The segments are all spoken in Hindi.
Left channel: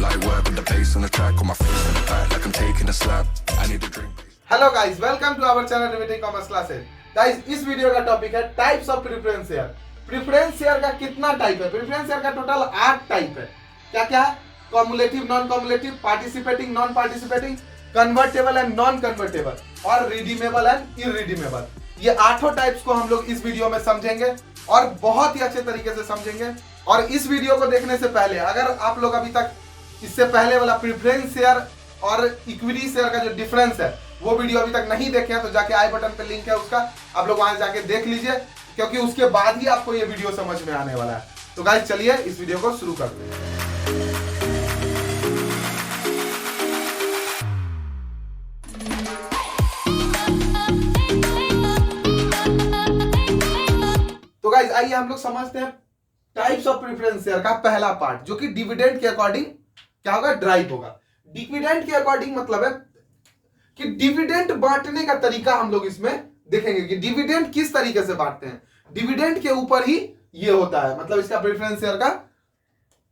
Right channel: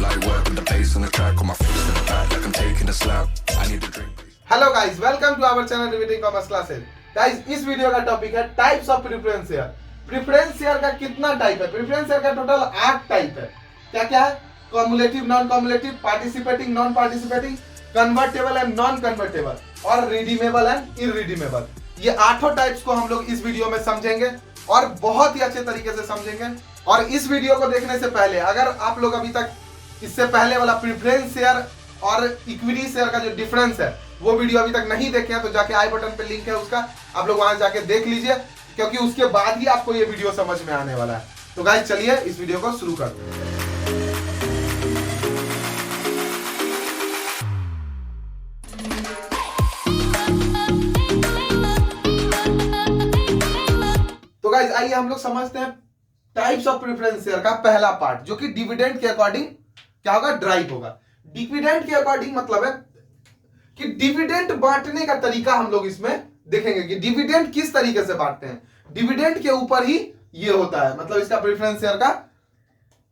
Light work with the bass on the track, on my face to the back like I'm taking a slap. I need a drink. Hello guys, welcome to our channel riveting commerce classes. Guys, इस वीडियो का टॉपिक है types of preference share. Preference share का कितना टाइप है? प्रेफरेंस शेयर का टोटल 8 टाइप है। क्या क्या है? Cumulative, non cumulative, participating, non participating, convertible and non convertible और रिडीमेबल एंड इनरिडीमेबल। ये 8 टाइप्स को हम लोग इस वीडियो में समझेंगे और बहुत ही अच्छे तरीके से समझेंगे। और इस वीडियो को देखने से पहले अगर आप लोग अभी तक इससे पहले वाला प्रेफरेंस शेयर और इक्विटी शेयर का जो डिफरेंस है वो वीडियो अभी तक नहीं देखे हैं तो जाके आई बटन पे लिंक है उसका, आप लोग वहां जाके देख लीजिए, क्योंकि उसके बाद ही आपको ये वीडियो समझ में आने वाला है। तो गाइस चलिए इस वीडियो को शुरू करते हैं। तो गाइस आइए हम लोग समझते हैं टाइप्स ऑफ प्रेफरेंस शेयर का पहला पार्ट, जो कि डिविडेंड के अकॉर्डिंग क्या होगा, ड्राइव होगा। डिविडेंड के अकॉर्डिंग मतलब है कि डिविडेंड बांटने का तरीका हम लोग इसमें देखेंगे कि डिविडेंड किस तरीके से बांटते हैं। डिविडेंड के ऊपर ही ये होता है, मतलब इसका प्रेफरेंस शेयर का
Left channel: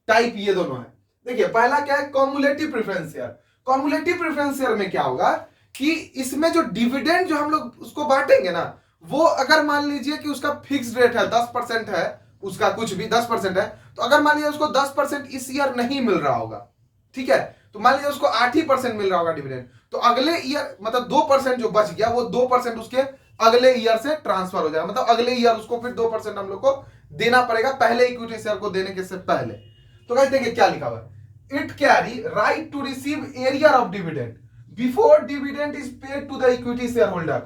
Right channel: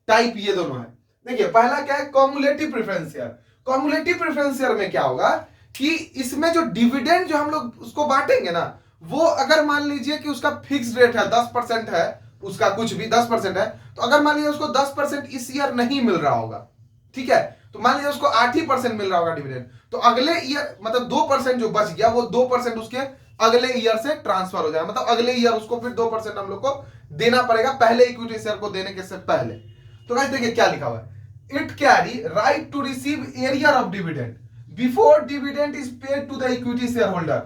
टाइप ये दोनों है। देखिए पहला क्या है, cumulative preference share. Cumulative preference share में क्या होगा कि इसमें जो डिविडेंड जो हम लोग उसको बांटेंगे ना, वो अगर मान लीजिए कि उसका फिक्स्ड रेट है 10% है, उसका कुछ भी 10% है, तो अगर मान लीजिए उसको 10% इस ईयर नहीं मिल रहा होगा, ठीक है, तो मान लीजिए उसको 8% मिल रहा होगा डिविडेंड, तो अगले ईयर मतलब 2% जो बच गया वो 2% उसके अगले ईयर से ट्रांसफर हो जाएगा। मतलब अगले ईयर उसको फिर 2% हम लोग को देना पड़ेगा पहले इक्विटी शेयर को देने के से पहले। तो गाइस देखिए क्या लिखा हुआ है, it carry right to receive arrear of dividend before dividend is paid to the equity share holder.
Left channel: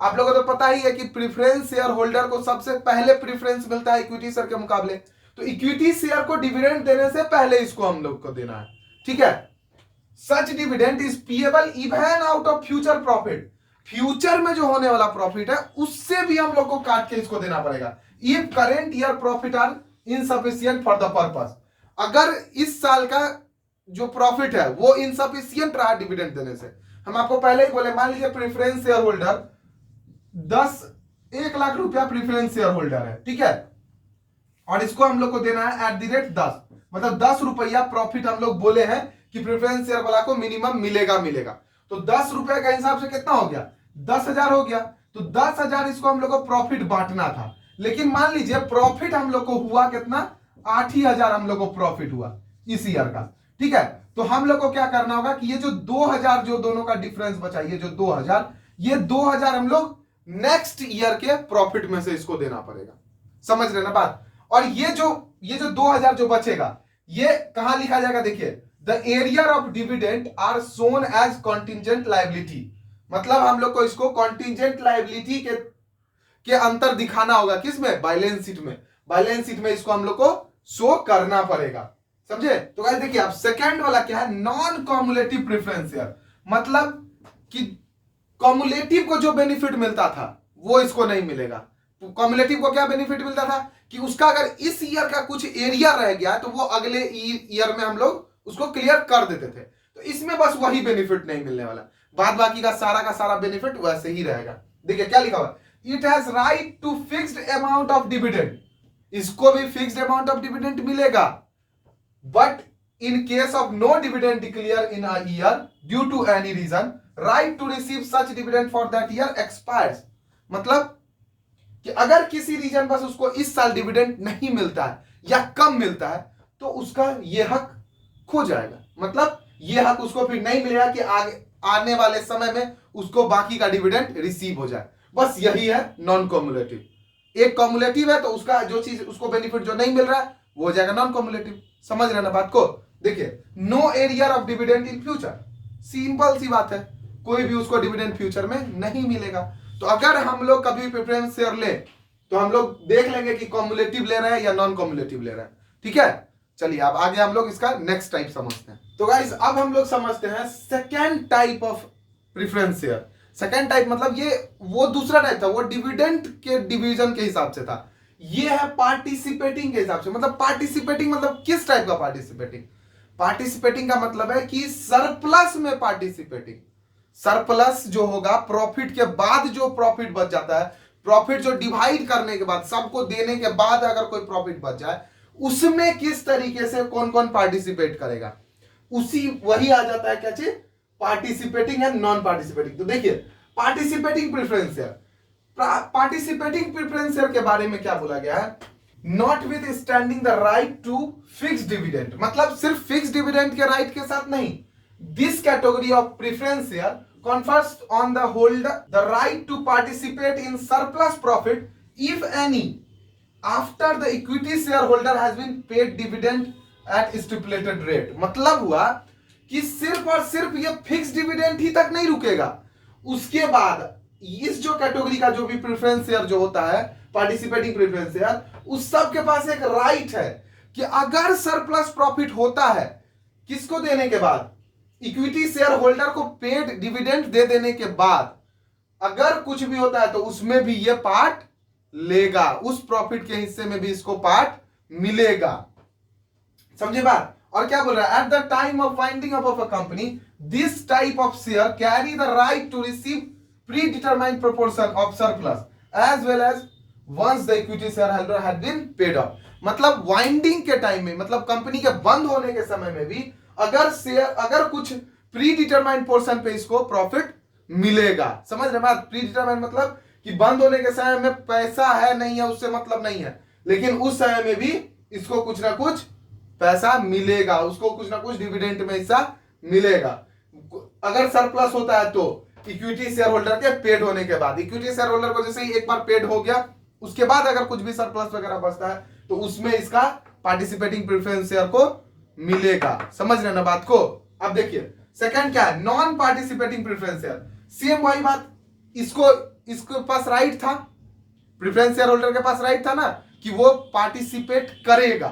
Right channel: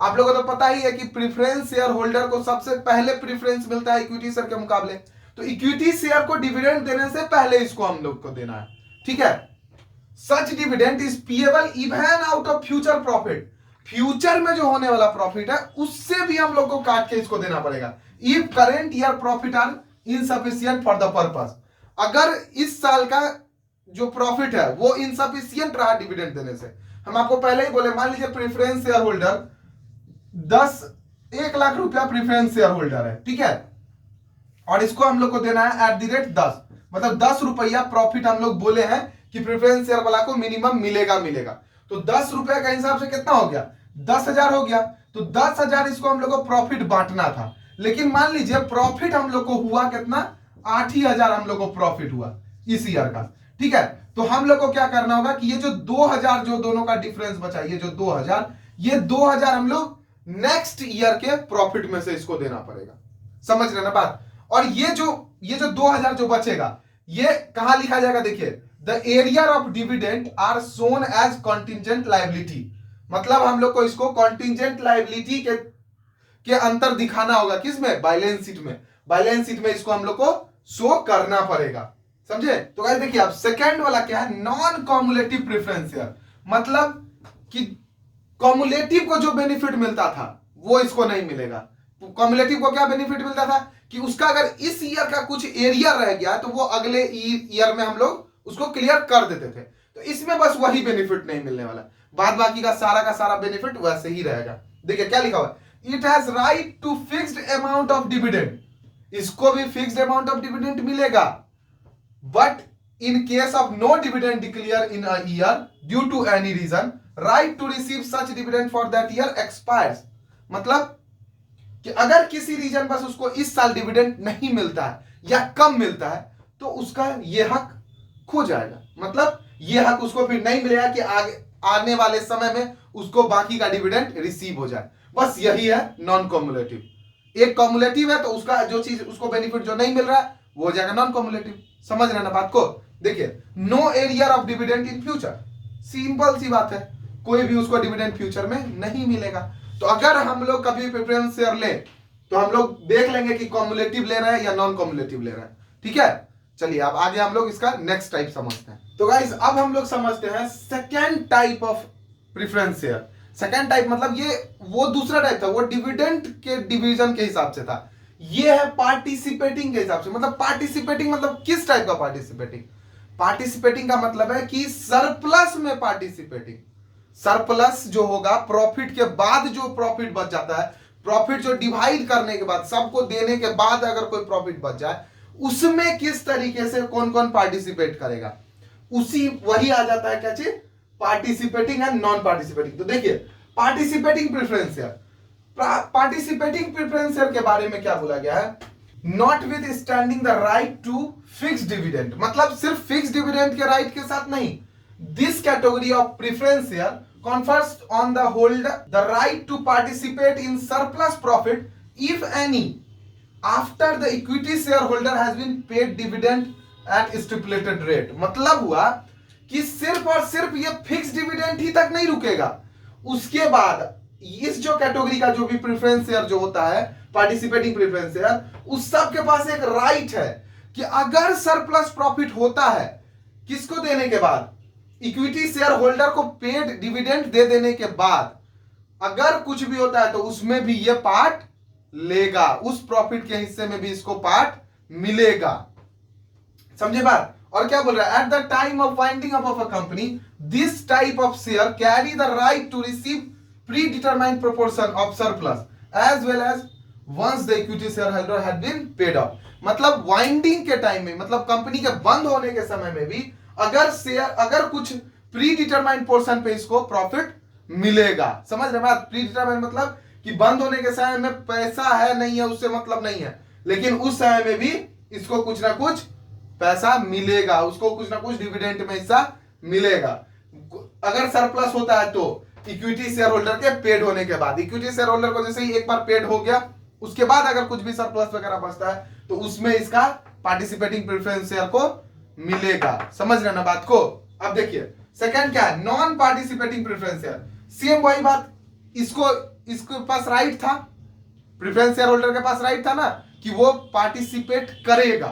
आप लोगों को तो पता ही है कि प्रेफरेंस शेयर होल्डर को सबसे पहले प्रेफरेंस मिलता है इक्विटी शेयर के मुकाबले, तो इक्विटी शेयर को डिविडेंड देने से पहले इसको हम लोग को देना है, ठीक है। Such dividend is payable even out of future profit. Future में जो होने वाला प्रॉफिट है उससे भी हम लोग को काट के इसको देना पड़ेगा। If current year profit are insufficient for the purpose, अगर इस साल का जो प्रॉफिट है वो इनसफिशिएंट रहा डिविडेंड देने से। हम आपको पहले ही बोले, मान लीजिए प्रेफरेंस शेयर होल्डर 1 लाख रुपया प्रेफरेंस शेयर होल्डर है, ठीक है, और इसको हम लोग को देना है @10, मतलब 10 रुपया प्रॉफिट हम लोग बोले हैं कि प्रेफरेंस शेयर वाला को मिनिमम मिलेगा। तो 10 रुपए का हिसाब से कितना हो गया, 10,000 हो गया। तो 10,000 इसको हम लोग को प्रॉफिट बांटना था, लेकिन मान लीजिए प्रॉफिट हम लोग को हुआ कितना, 8,000 हम लोग को प्रॉफिट हुआ इस ईयर का, ठीक है। तो हम लोग को क्या करना होगा कि ये जो 2,000 जो दोनों का डिफरेंस बचा, ये जो 2,000 हम लोग नेक्स्ट ईयर के प्रॉफिट में से इसको देना पड़ेगा। समझ रहे ना बात। और ये जो 2,000 जो बचेगा ये कहां लिखा जाएगा, देखिए the arrear of dividend are shown as contingent liability. मतलब हम लोग को इसको कॉन्टिजेंट लायबिलिटी के अंतर दिखाना होगा, किसमें, बैलेंस शीट में। बैलेंस शीट में इसको हम लोग को शो करना पड़ेगा, समझे। तो गाइस देखिए अब सेकंड वाला क्या है, नॉन कॉम्युलेटिव प्रेफरेंस शेयर। मतलब कि कॉम्युलेटिव को जो बेनिफिट मिलता था वो इसको नहीं मिलेगा। कॉम्युलेटिव को क्या बेनिफिट मिलता था कि उसका अगर इस ईयर का कुछ एरिया रह गया तो वो अगले ईयर में हम लोग उसको क्लियर कर देते थे। तो इसमें बस वही बेनिफिट नहीं मिलने वाला, बाद बाकी का सारा बेनिफिट वैसे ही रहेगा। देखिए क्या लिखा हुआ, it has right to fixed amount of dividend. इसको भी फिक्स्ड अमाउंट ऑफ डिविडेंड मिलेगा, but in case of no dividend declare in a year due to any reason, right to receive such dividend for that year expires. मतलब कि अगर किसी रीजन बस उसको इस साल डिविडेंड नहीं मिलता है या कम मिलता है तो उसका ये हक खो जाएगा। मतलब ये हक उसको फिर नहीं मिलेगा कि आगे आने वाले समय में उसको बाकी का डिविडेंड रिसीव हो जाए। बस यही है नॉन कॉम्युलेटिव। एक कॉम्युलेटिव है तो उसका जो चीज उसको बेनिफिट जो नहीं मिल रहा है वो हो जाएगा नॉन कॉम्युलेटिव। समझ रहे ना बात को। देखिए no arrear of dividend in future, simple सी बात है, कोई भी उसको डिविडेंड फ्यूचर में नहीं मिलेगा। तो अगर हम लोग कभी प्रेफरेंस शेयर ले तो हम लोग देख लेंगे कि कॉम्युलेटिव ले रहे हैं या नॉन कॉम्युलेटिव ले रहे हैं, ठीक है। चलिए अब आगे हम लोग इसका नेक्स्ट टाइप समझते हैं। तो गाइस अब हम लोग समझते हैं second type of preference share. Second type मतलब ये वो दूसरा टाइप था, वो डिविडेंड के डिवीजन के हिसाब से था। ये है पार्टिसिपेटिंग के हिसाब से। मतलब पार्टिसिपेटिंग मतलब किस टाइप का पार्टिसिपेटिंग, पार्टिसिपेटिंग का मतलब है कि सरप्लस में पार्टिसिपेटिंग। सरप्लस जो होगा प्रॉफिट के बाद जो प्रॉफिट बच जाता है, प्रॉफिट जो डिवाइड करने के बाद सबको देने के बाद अगर कोई प्रॉफिट बच जाए उसमें किस तरीके से कौन कौन पार्टिसिपेट करेगा। उसी वही आ जाता है क्या चीज, पार्टिसिपेटिंग एंड नॉन पार्टिसिपेटिंग। तो देखिए participating preference share, participating preference share के बारे में क्या बोला गया है, notwithstanding the right to fix dividend, मतलब सिर्फ फिक्स डिविडेंड के राइट के साथ नहीं, this category of preference share confers on the holder the right to participate in surplus profit if any after the equity shareholder has been paid dividend at stipulated rate। मतलब हुआ कि सिर्फ और सिर्फ ये फिक्स डिविडेंड ही तक नहीं रुकेगा, उसके बाद इस जो कैटेगरी का जो भी प्रेफरेंस शेयर जो होता है पार्टिसिपेटिंग प्रेफरेंस शेयर, उस सब के पास एक राइट है कि अगर सरप्लस प्रॉफिट होता है किसको देने के बाद, इक्विटी शेयर होल्डर को पेड डिविडेंड दे देने के बाद अगर कुछ भी होता है तो उसमें भी ये पार्ट लेगा, उस प्रॉफिट के हिस्से में भी इसको पार्ट मिलेगा। समझे बात। और क्या बोल रहा है, at the time of winding up of a company this type of share carry the right to receive predetermined proportion of surplus as well as once the equity share holder had been paid off. मतलब वाइंडिंग के टाइम में, मतलब कंपनी के बंद होने के समय में भी अगर कुछ प्री डिटरमाइंड पोर्शन पे इसको प्रॉफिट मिलेगा। समझ रहे बात, प्री डिटरमाइंड मतलब कि बंद होने के समय में पैसा है नहीं है उससे मतलब नहीं है, लेकिन उस समय में भी इसको कुछ ना कुछ पैसा मिलेगा, उसको कुछ ना कुछ डिविडेंड में हिस्सा मिलेगा। अगर सरप्लस होता है तो इक्विटी शेयर होल्डर के पेड होने के बाद, इक्विटी शेयर होल्डर को जैसे ही एक बार पेड हो गया उसके बाद अगर कुछ भी सरप्लस वगैरह बचता है तो उसमें इसका पार्टिसिपेटिंग प्रेफरेंस शेयर को मिलेगा। समझ रहे ना बात को। अब देखिए सेकंड क्या है, non participating preference share. Same वही बात, इसको पास राइट था, प्रेफरेंस शेयर होल्डर के पास राइट था ना कि वो पार्टिसिपेट करेगा,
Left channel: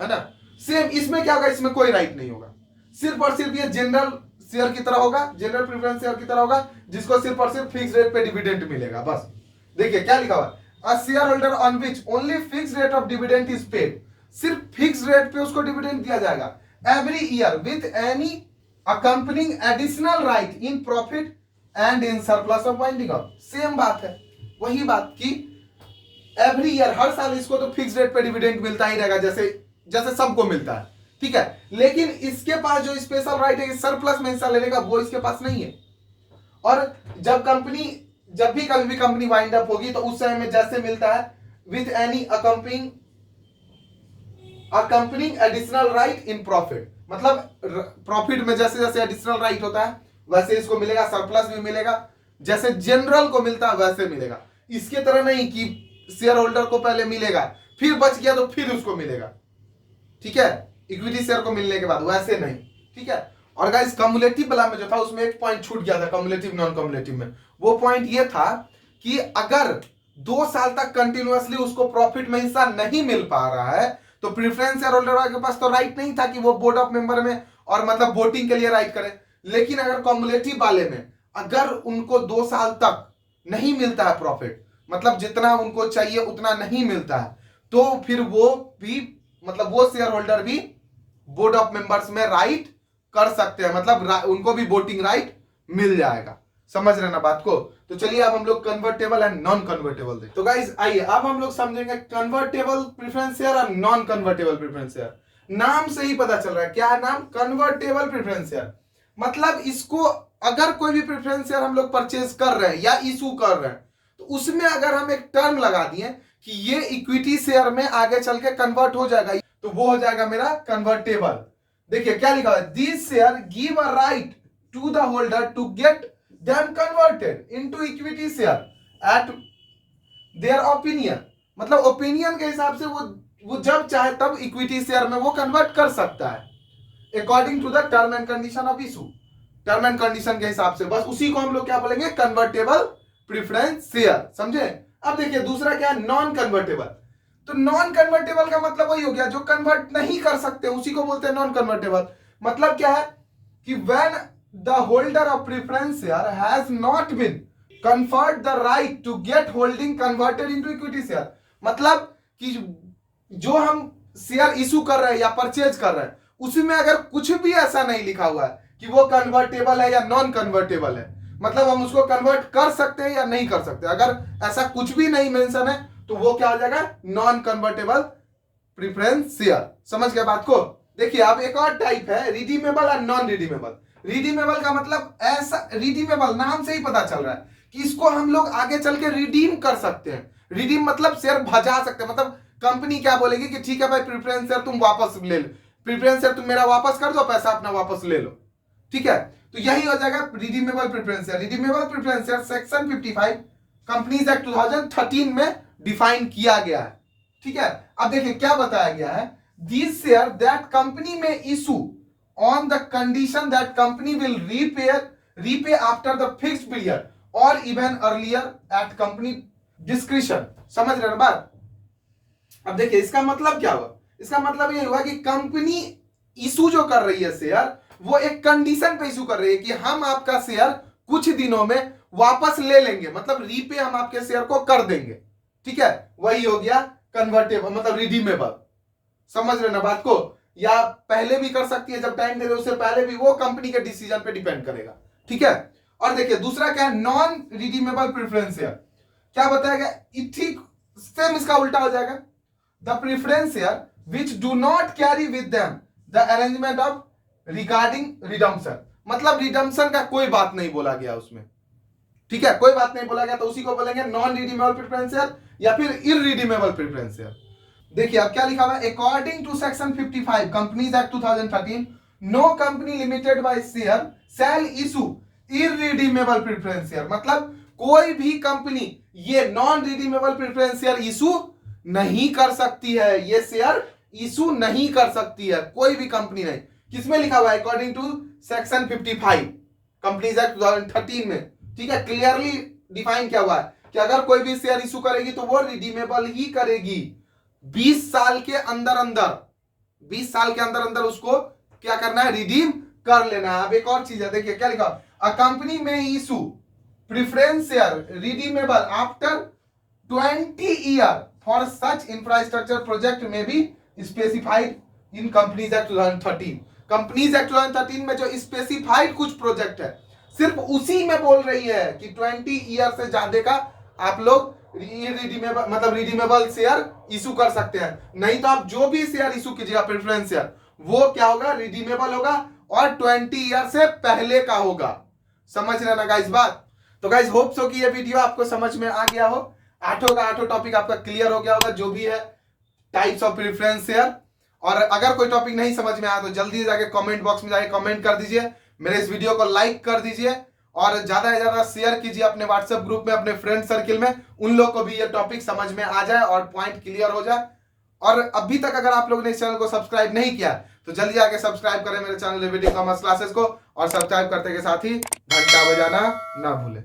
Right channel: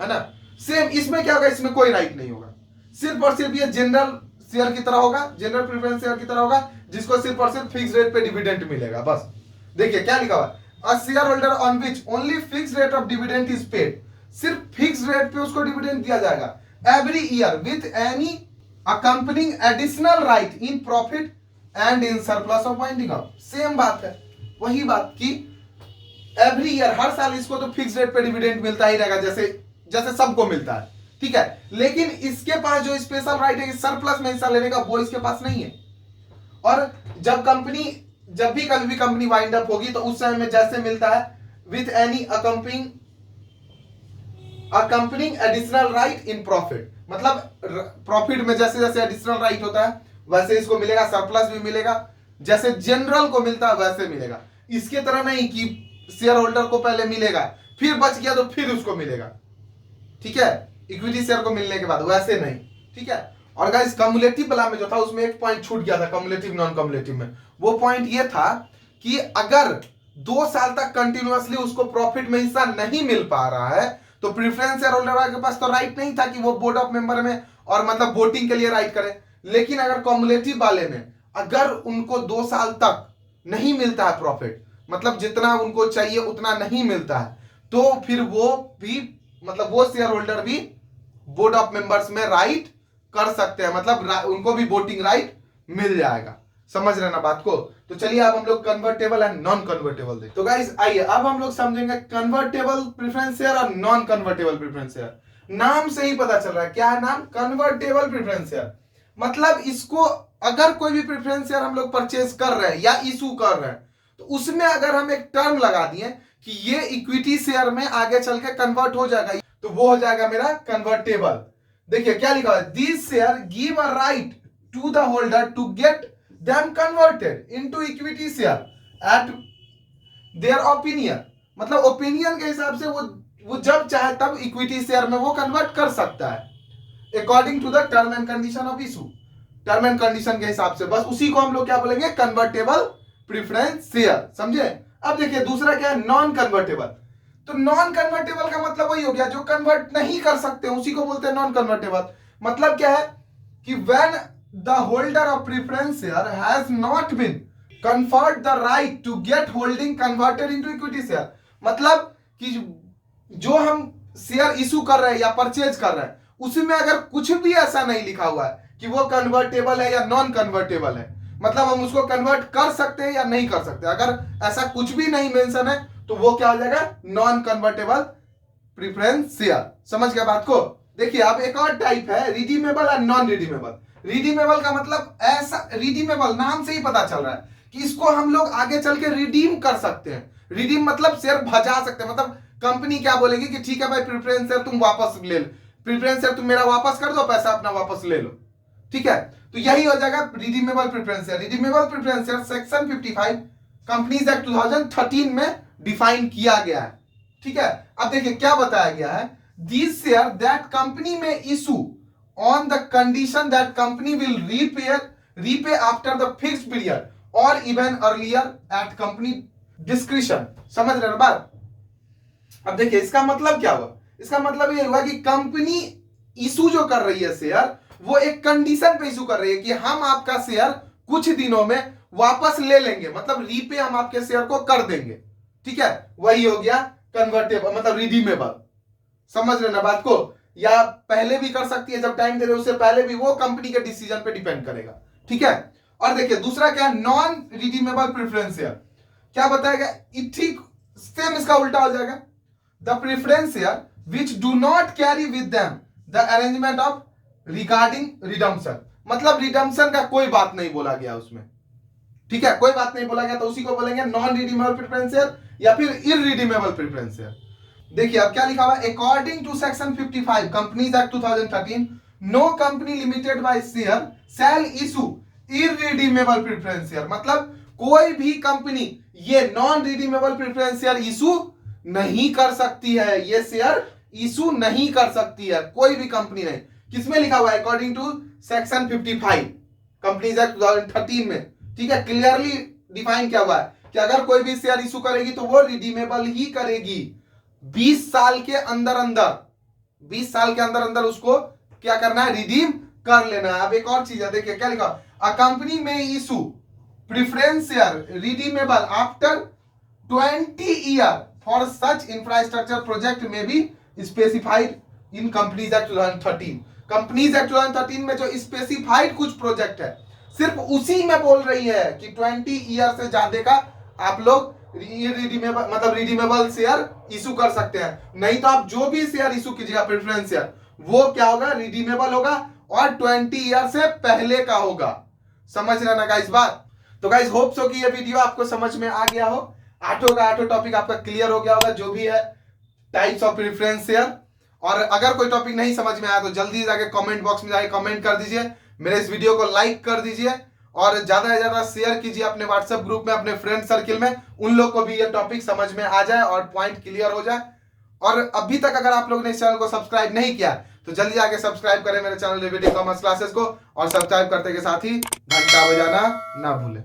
है ना। सेम इसमें क्या होगा, इसमें कोई राइट नहीं होगा, सिर्फ और सिर्फ ये जनरल शेयर की तरह होगा, जनरल प्रेफरेंस शेयर की तरह होगा, जिसको सिर्फ और सिर्फ फिक्स रेट पे डिविडेंड मिलेगा बस। देखिए क्या लिखा हुआ, a share holder on which only fix rate of dividend is paid, सिर्फ फिक्स रेट पे उसको डिविडेंड दिया जाएगा every year with any accompanying additional right in profit and in surplus of winding up. Same बात है, वही बात कि एवरी ईयर हर साल इसको तो फिक्स रेट पे डिविडेंड मिलता ही रहेगा, जैसे सबको मिलता है, ठीक है। लेकिन इसके पास जो स्पेशल राइट है सरप्लस में हिस्सा लेने का, वो इसके पास नहीं है। और जब भी कभी भी कंपनी वाइंड अप होगी तो उस समय में जैसे मिलता है with any accompanying additional right in profit, मतलब प्रॉफिट में जैसे जैसे एडिशनल राइट होता है वैसे इसको मिलेगा, सरप्लस भी मिलेगा, जैसे जनरल को मिलता है वैसे मिलेगा। इसके तरह नहीं कि शेयर होल्डर को पहले मिलेगा फिर बच गया तो फिर उसको मिलेगा, ठीक है, इक्विटी शेयर को मिलने के बाद, वैसे नहीं, ठीक है। और गाइस कम्युलेटिव वाला में जो था उसमें एक पॉइंट छूट गया था, कम्युलेटिव नॉन कम्युलेटिव में। वो पॉइंट ये था कि अगर 2 साल तक कंटिन्यूअसली उसको प्रॉफिट में हिस्सा नहीं मिल पा रहा है तो प्रेफरेंस शेयर होल्डर के पास तो राइट नहीं था कि वो बोर्ड ऑफ मेंबर में और मतलब वोटिंग के लिए राइट करे। लेकिन अगर कम्युलेटिव वाले में अगर उनको 2 साल तक नहीं मिलता है प्रॉफिट, मतलब जितना उनको चाहिए उतना नहीं मिलता है, तो फिर वो भी मतलब वो शेयर होल्डर भी बोर्ड ऑफ मेंबर्स में राइट कर सकते हैं, मतलब उनको भी वोटिंग राइट मिल जाएगा। समझ रहे ना बात को। तो चलिए अब हम लोग कन्वर्टेबल एंड नॉन कन्वर्टेबल देखते। तो गाइस आइए अब हम लोग समझेंगे कन्वर्टेबल प्रेफरेंस शेयर और नॉन कन्वर्टेबल प्रेफरेंस शेयर। नाम से ही पता चल रहा है, क्या है नाम, कन्वर्टेबल प्रेफरेंस शेयर। मतलब इसको अगर कोई भी प्रेफरेंस शेयर हम लोग परचेज कर रहे हैं या इशू कर रहे हैं तो उसमें अगर हम एक टर्म लगा दिए कि ये इक्विटी शेयर में आगे चल के कन्वर्ट हो जाएगा तो वो हो जाएगा मेरा कन्वर्टेबल। देखिए क्या लिखा है, this share give a right to the holder to get them converted into equity share at their opinion, मतलब ओपिनियन के हिसाब से वो जब चाहे तब इक्विटी शेयर में वो कन्वर्ट कर सकता है according to the term and condition of issue, term and condition के हिसाब से। बस उसी को हम लोग क्या बोलेंगे, कन्वर्टेबल प्रेफरेंस शेयर। समझे। अब देखिए दूसरा क्या है, नॉन कन्वर्टेबल। तो नॉन कन्वर्टेबल का मतलब वही हो गया जो कन्वर्ट नहीं कर सकते, उसी को बोलते हैं नॉन कन्वर्टेबल। मतलब क्या है कि when the holder of preference share has not been conferred the right to get holding converted into equity share, मतलब कि जो हम शेयर इशू कर रहे हैं या परचेज कर रहे हैं उसमें अगर कुछ भी ऐसा नहीं लिखा हुआ है कि वो कन्वर्टेबल है या नॉन कन्वर्टेबल है, मतलब हम उसको कन्वर्ट कर सकते हैं या नहीं कर सकते, अगर ऐसा कुछ भी नहीं मेंशन है तो वो क्या हो जाएगा, नॉन कन्वर्टेबल प्रेफरेंस शेयर। समझ गए बात को। देखिए अब एक और टाइप है रिडीमेबल और नॉन रिडीमेबल। रिडीमेबल का मतलब ऐसा, रिडीमेबल नाम से ही पता चल रहा है कि इसको हम लोग आगे चल के रिडीम कर सकते हैं। रिडीम मतलब शेयर भजा सकते हैं, मतलब कंपनी क्या बोलेगी कि ठीक है भाई प्रेफरेंस शेयर तुम वापस ले लो, प्रेफरेंस शेयर तुम मेरा वापस कर दो, पैसा अपना वापस ले लो, ठीक है। तो यही हो जाएगा redeemable preference share. Redeemable preference share section 55 companies act 2013 में डिफाइन किया गया है, ठीक है। अब देखिए क्या बताया गया है, दिस शेयर दैट कंपनी में issue on the condition that company will repay after the fixed period और even earlier at company discretion. समझ रहे ना बात? अब देखिए इसका मतलब क्या हुआ, इसका मतलब ये हुआ कि कंपनी इशू जो कर रही है शेयर, वो एक कंडीशन पे इशू कर रही है कि हम आपका शेयर कुछ दिनों में वापस ले लेंगे, मतलब रीपे हम आपके शेयर को कर देंगे, ठीक है। वही हो गया कन्वर्टेबल, मतलब रिडीमेबल। समझ रहे ना बात को? या पहले भी कर सकती है, जब टाइम दे रहे उससे पहले भी, वो कंपनी के डिसीजन पे डिपेंड करेगा, ठीक है। और देखिए दूसरा क्या है, नॉन रिडीमेबल प्रेफरेंस शेयर। क्या बताया गया, ठीक सेम इसका उल्टा हो जाएगा। The preference share which do not carry with them the arrangement of regarding redemption, मतलब रिडम्पशन का कोई बात नहीं बोला गया उसमें, ठीक है, कोई बात नहीं बोला गया, तो उसी को बोलेंगे नॉन रिडीमेबल प्रेफरेंस शेयर या फिर इररिडीमेबल प्रेफरेंस शेयर। देखिए अब क्या लिखा हुआ है, according to section 55 companies act 2013 no company limited by share shall issue irredeemable preference share, मतलब कोई भी कंपनी ये non redeemable preference share issue नहीं कर सकती है, ये शेयर इशू नहीं कर सकती है कोई भी कंपनी नहीं। किसमें लिखा हुआ है, according to section 55 companies act 2013 में, ठीक है। क्लियरली डिफाइन किया हुआ है कि अगर कोई भी शेयर इशू करेगी तो वो रिडीमेबल ही करेगी 20 साल के अंदर अंदर, 20 साल के अंदर अंदर उसको क्या करना है, रिडीम कर लेना है। अब एक और चीज है, देखिए क्या लिखा, अ कंपनी में issue preference share redeemable after 20 year for such infrastructure project में भी specified in companies act 2013। Companies act 2013 में जो स्पेसिफाइड कुछ प्रोजेक्ट है, सिर्फ उसी में बोल रही है कि 20 ईयर से ज्यादा का आप लोग रिडीमेबल, मतलब रिडीमेबल शेयर इशू कर सकते हैं। नहीं तो आप जो भी शेयर इशू कीजिएगा प्रेफरेंस शेयर, वो क्या होगा, रिडीमेबल होगा और 20 ईयर से पहले का होगा। समझ रहे ना गाइस बात? तो गाइस होप सो कि ये वीडियो आपको समझ में आ गया हो, आठों का आठों टॉपिक आपका क्लियर हो गया होगा, जो भी है टाइप्स ऑफ प्रेफरेंस शेयर। और अगर कोई टॉपिक नहीं समझ में आया तो जल्दी जाके कमेंट बॉक्स में जाके कमेंट कर दीजिए, मेरे इस वीडियो को लाइक कर दीजिए और ज्यादा से ज्यादा शेयर कीजिए अपने व्हाट्सएप ग्रुप में, अपने फ्रेंड सर्किल में, उन लोग को भी ये टॉपिक समझ में आ जाए और पॉइंट क्लियर हो जाए। और अभी तक अगर आप लोगों ने इस चैनल को सब्सक्राइब नहीं किया तो जल्दी आके सब्सक्राइब करें मेरे चैनल रिवीडिंग कॉमर्स क्लासेस को, और सब्सक्राइब करते के साथ ही घंटा बजाना ना भूलें।